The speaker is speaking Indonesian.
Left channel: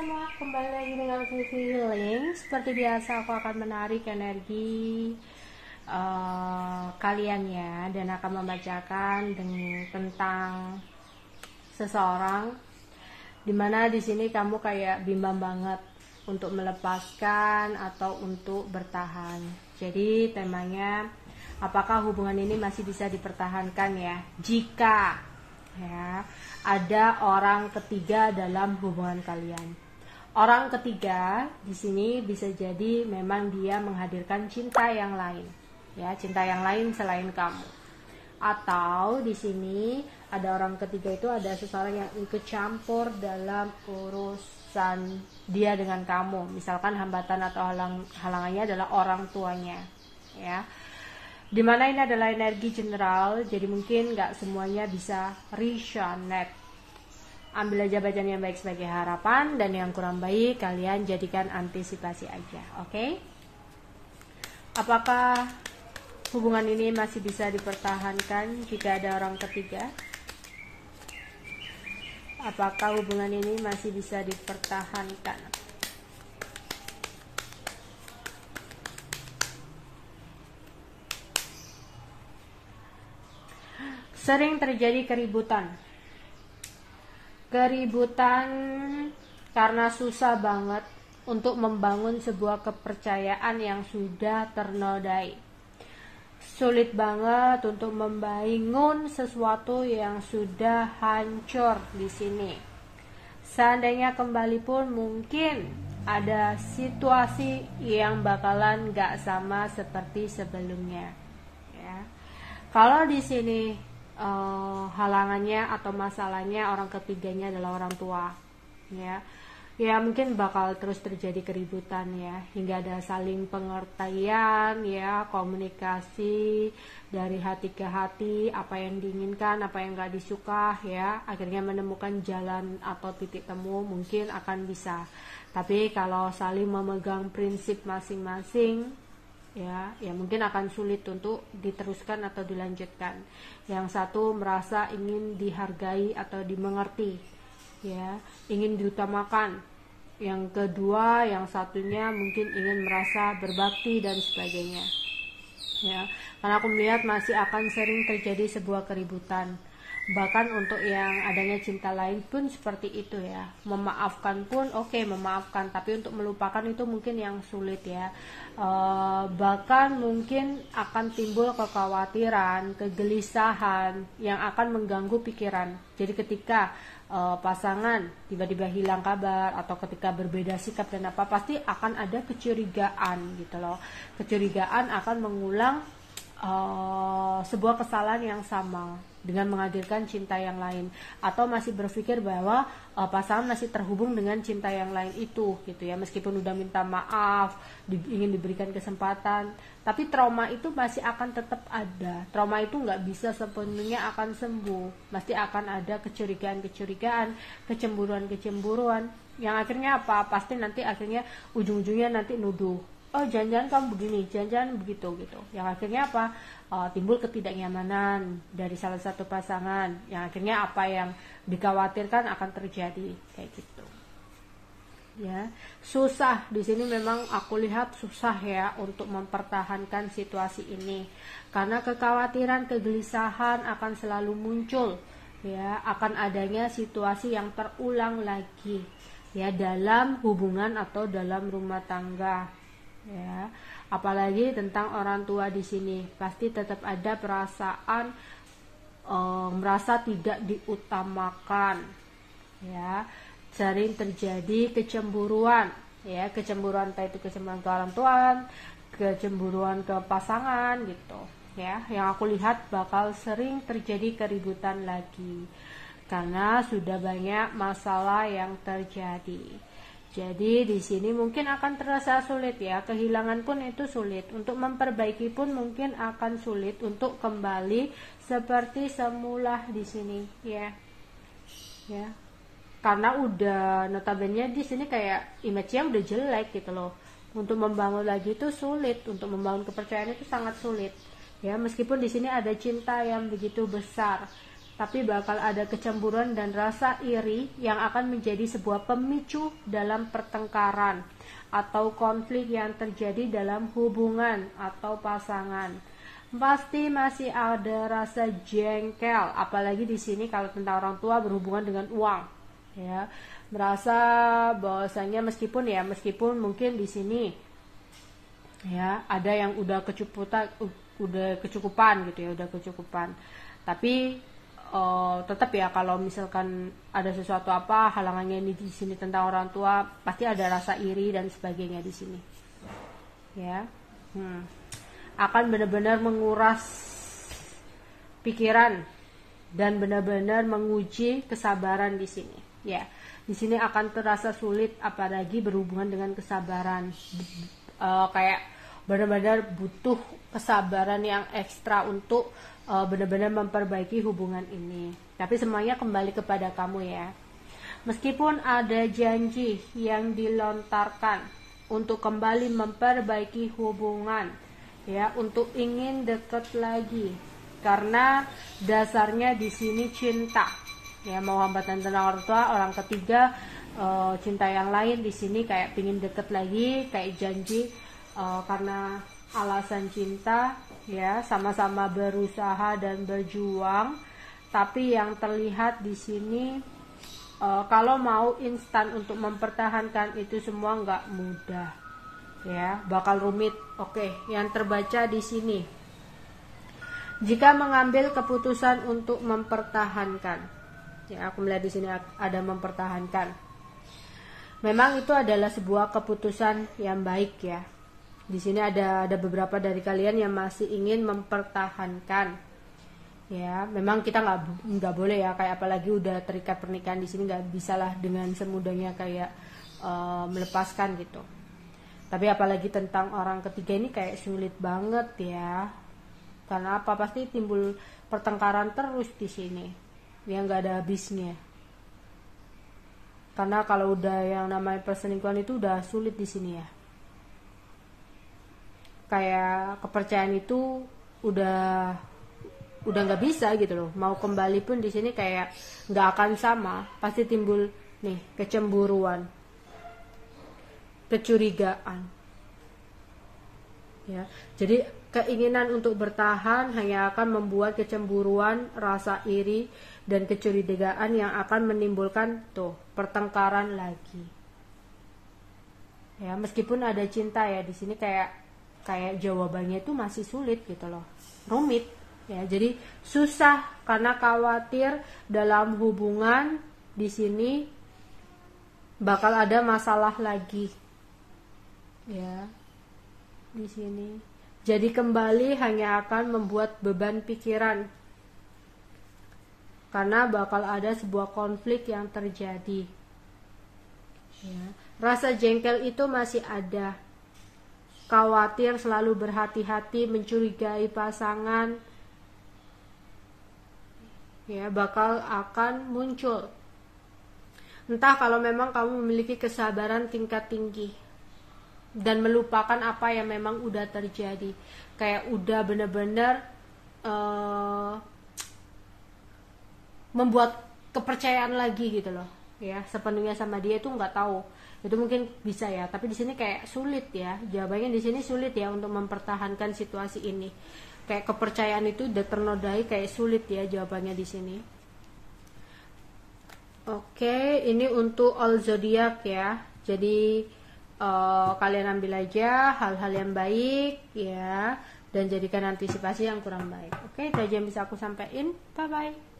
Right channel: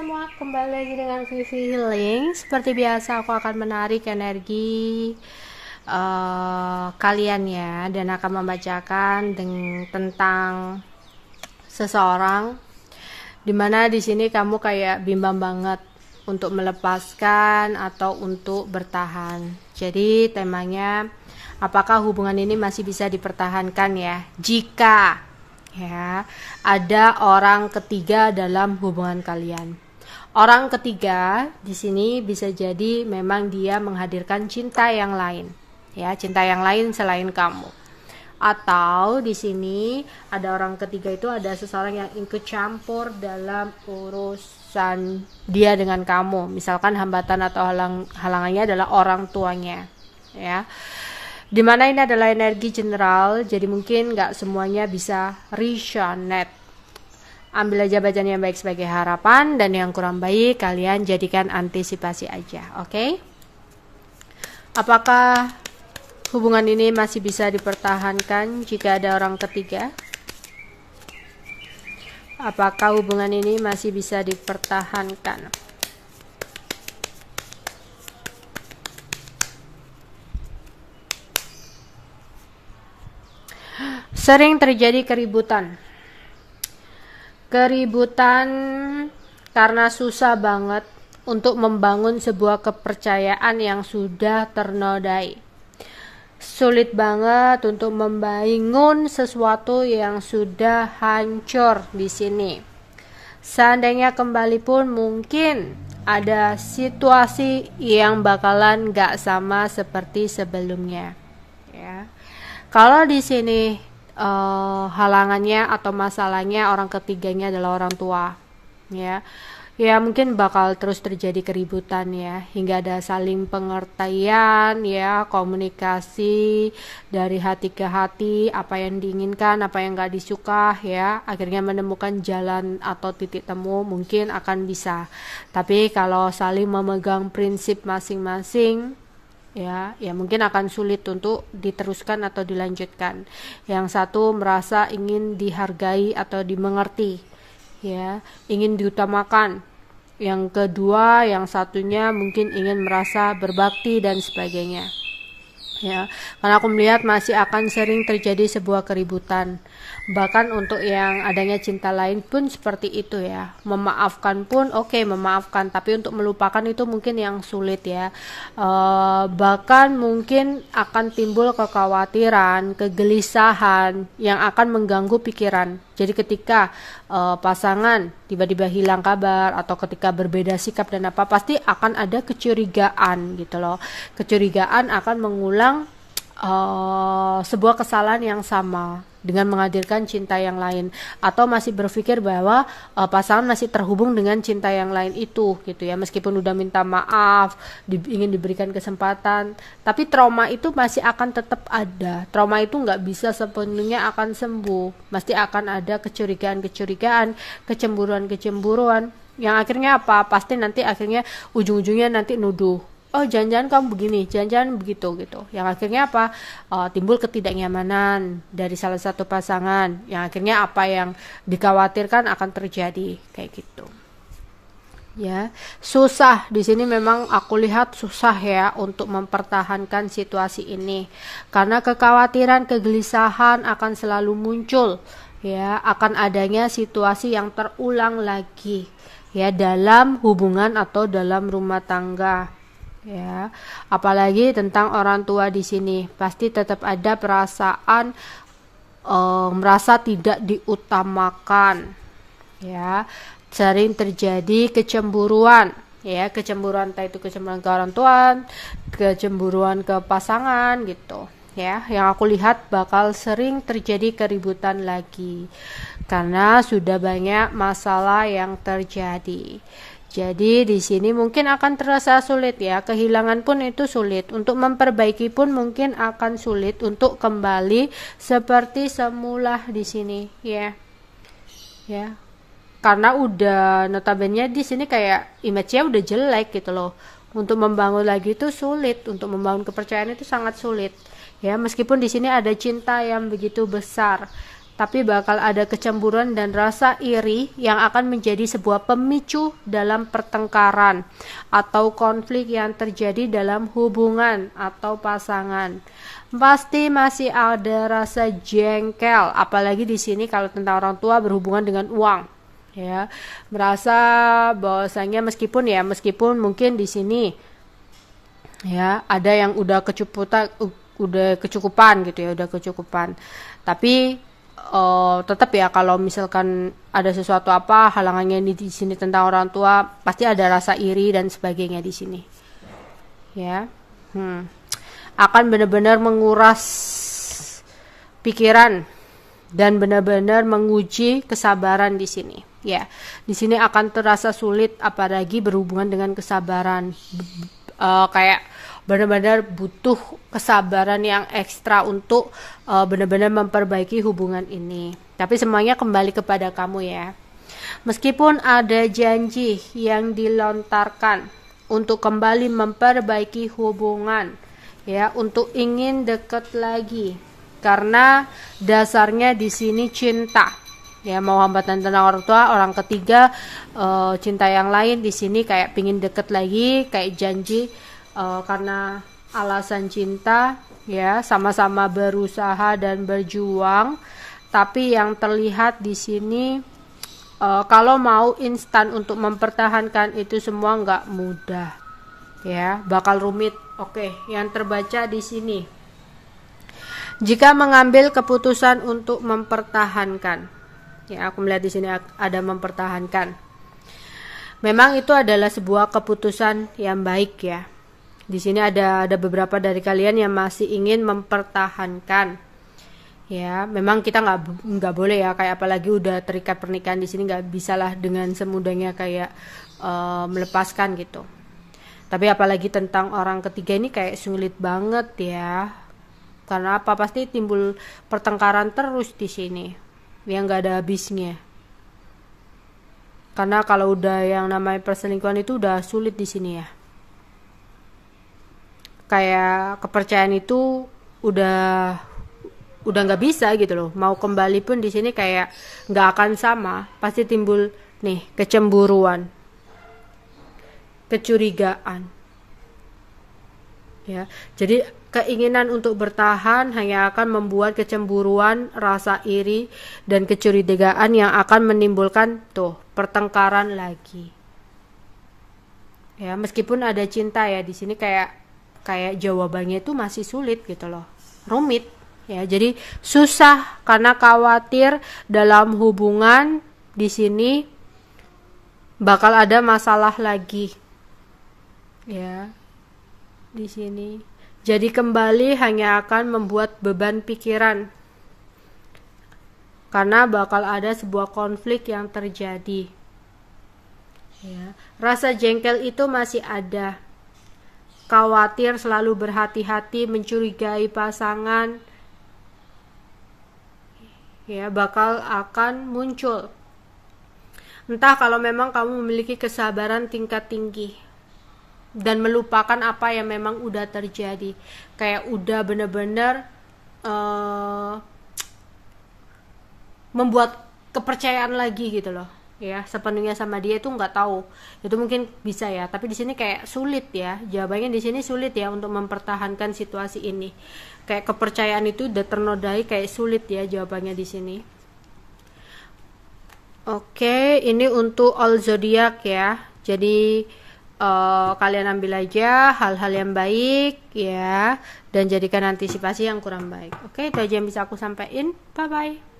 semua, kembali lagi dengan Vivi Healing. Seperti biasa aku akan menarik energi kalian ya, dan akan membacakan tentang seseorang dimana di sini kamu kayak bimbang banget untuk melepaskan atau untuk bertahan. Jadi temanya, apakah hubungan ini masih bisa dipertahankan ya jika ya ada orang ketiga dalam hubungan kalian. Orang ketiga di sini bisa jadi memang dia menghadirkan cinta yang lain ya, cinta yang lain selain kamu, atau di sini ada orang ketiga itu ada seseorang yang ikut campur dalam urusan dia dengan kamu. Misalkan hambatan atau halangannya adalah orang tuanya ya, dimana ini adalah energi general, jadi mungkin nggak semuanya bisa resonate. Ambil aja bacaan yang baik sebagai harapan, dan yang kurang baik kalian jadikan antisipasi aja. Oke? Apakah hubungan ini masih bisa dipertahankan jika ada orang ketiga? Apakah hubungan ini masih bisa dipertahankan? Sering terjadi keributan karena susah banget untuk membangun sebuah kepercayaan yang sudah ternodai. Sulit banget untuk membangun sesuatu yang sudah hancur di sini. Seandainya kembali pun mungkin ada situasi yang bakalan gak sama seperti sebelumnya ya. Kalau di sini halangannya atau masalahnya orang ketiganya adalah orang tua ya, mungkin bakal terus terjadi keributan ya, hingga ada saling pengertian ya, komunikasi dari hati ke hati, apa yang diinginkan, apa yang gak disuka ya, akhirnya menemukan jalan atau titik temu mungkin akan bisa. Tapi kalau saling memegang prinsip masing-masing ya mungkin akan sulit untuk diteruskan atau dilanjutkan. Yang satu merasa ingin dihargai atau dimengerti ya, ingin diutamakan. Yang kedua, yang satunya mungkin ingin merasa berbakti dan sebagainya ya. Karena aku melihat masih akan sering terjadi sebuah keributan. Bahkan untuk yang adanya cinta lain pun seperti itu ya. Memaafkan pun oke, memaafkan, tapi untuk melupakan itu mungkin yang sulit ya. Bahkan mungkin akan timbul kekhawatiran, kegelisahan yang akan mengganggu pikiran. Jadi ketika pasangan tiba-tiba hilang kabar atau ketika berbeda sikap dan apa, pasti akan ada kecurigaan gitu loh. Kecurigaan akan mengulang sebuah kesalahan yang sama dengan menghadirkan cinta yang lain, atau masih berpikir bahwa pasangan masih terhubung dengan cinta yang lain itu gitu ya, meskipun udah minta maaf, ingin diberikan kesempatan, tapi trauma itu masih akan tetap ada. Trauma itu nggak bisa sepenuhnya akan sembuh, pasti akan ada kecurigaan, kecemburuan yang akhirnya apa, pasti nanti akhirnya ujung-ujungnya nanti nuduh, oh jangan-jangan kamu begini, jangan-jangan begitu gitu. Yang akhirnya apa, timbul ketidaknyamanan dari salah satu pasangan, yang akhirnya apa yang dikhawatirkan akan terjadi kayak gitu ya. Susah di sini, memang aku lihat susah ya untuk mempertahankan situasi ini, karena kekhawatiran, kegelisahan akan selalu muncul ya, akan adanya situasi yang terulang lagi ya dalam hubungan atau dalam rumah tangga ya. Apalagi tentang orang tua di sini, pasti tetap ada perasaan merasa tidak diutamakan ya. Sering terjadi kecemburuan ya, kecemburuan, entah itu kecemburuan ke orang tua, kecemburuan ke pasangan gitu ya. Yang aku lihat bakal sering terjadi keributan lagi karena sudah banyak masalah yang terjadi. Jadi di sini mungkin akan terasa sulit ya, kehilangan pun itu sulit, untuk memperbaiki pun mungkin akan sulit untuk kembali seperti semula di sini ya. Ya. Karena udah notabene di sini kayak image-nya udah jelek gitu loh. Untuk membangun lagi itu sulit, untuk membangun kepercayaan itu sangat sulit. Ya, meskipun di sini ada cinta yang begitu besar, tapi bakal ada kecemburuan dan rasa iri yang akan menjadi sebuah pemicu dalam pertengkaran atau konflik yang terjadi dalam hubungan atau pasangan. Pasti masih ada rasa jengkel, apalagi di sini kalau tentang orang tua berhubungan dengan uang, ya. Merasa bahwasanya meskipun mungkin di sini ya ada yang udah kecukupan gitu ya, udah kecukupan, tapi tetap ya kalau misalkan ada sesuatu apa halangannya di sini tentang orang tua, pasti ada rasa iri dan sebagainya di sini ya. Akan benar-benar menguras pikiran dan benar-benar menguji kesabaran di sini ya. Di sini akan terasa sulit apalagi berhubungan dengan kesabaran, kayak benar-benar butuh kesabaran yang ekstra untuk benar-benar memperbaiki hubungan ini. Tapi semuanya kembali kepada kamu ya. Meskipun ada janji yang dilontarkan untuk kembali memperbaiki hubungan ya, untuk ingin dekat lagi, karena dasarnya di sini cinta ya, mau hambatan tentang orang tua, orang ketiga, cinta yang lain di sini kayak pingin deket lagi, kayak janji. Karena alasan cinta ya, sama-sama berusaha dan berjuang, tapi yang terlihat di sini kalau mau instan untuk mempertahankan itu semua nggak mudah ya, bakal rumit. Oke, yang terbaca di sini, jika mengambil keputusan untuk mempertahankan ya, aku melihat di sini ada mempertahankan, memang itu adalah sebuah keputusan yang baik ya. Di sini ada beberapa dari kalian yang masih ingin mempertahankan ya. Memang kita nggak boleh ya, kayak apalagi udah terikat pernikahan di sini nggak bisalah dengan semudahnya kayak melepaskan gitu. Tapi apalagi tentang orang ketiga ini kayak sulit banget ya. Karena apa? Pasti timbul pertengkaran terus di sini yang nggak ada habisnya. Karena kalau udah yang namanya perselingkuhan itu udah sulit di sini ya. Kayak kepercayaan itu udah nggak bisa gitu loh. Mau kembali pun di sini kayak nggak akan sama. Pasti timbul nih kecemburuan, kecurigaan ya. Jadi keinginan untuk bertahan hanya akan membuat kecemburuan, rasa iri dan kecurigaan yang akan menimbulkan tuh pertengkaran lagi ya. Meskipun ada cinta ya, di sini kayak jawabannya itu masih sulit gitu loh, rumit ya. Jadi susah karena khawatir dalam hubungan di sini bakal ada masalah lagi ya di sini. Jadi kembali hanya akan membuat beban pikiran karena bakal ada sebuah konflik yang terjadi ya. Rasa jengkel itu masih ada, khawatir, selalu berhati-hati, mencurigai pasangan ya, bakal akan muncul. Entah kalau memang kamu memiliki kesabaran tingkat tinggi dan melupakan apa yang memang udah terjadi, kayak udah bener-bener membuat kepercayaan lagi gitu loh ya, sepenuhnya sama dia itu nggak tahu, itu mungkin bisa ya. Tapi di sini kayak sulit ya, jawabannya di sini sulit ya untuk mempertahankan situasi ini. Kayak kepercayaan itu udah ternodai, kayak sulit ya jawabannya di sini. Oke, ini untuk all zodiak ya. Jadi kalian ambil aja hal-hal yang baik ya, dan jadikan antisipasi yang kurang baik. Oke, itu aja yang bisa aku sampaikan. Bye bye.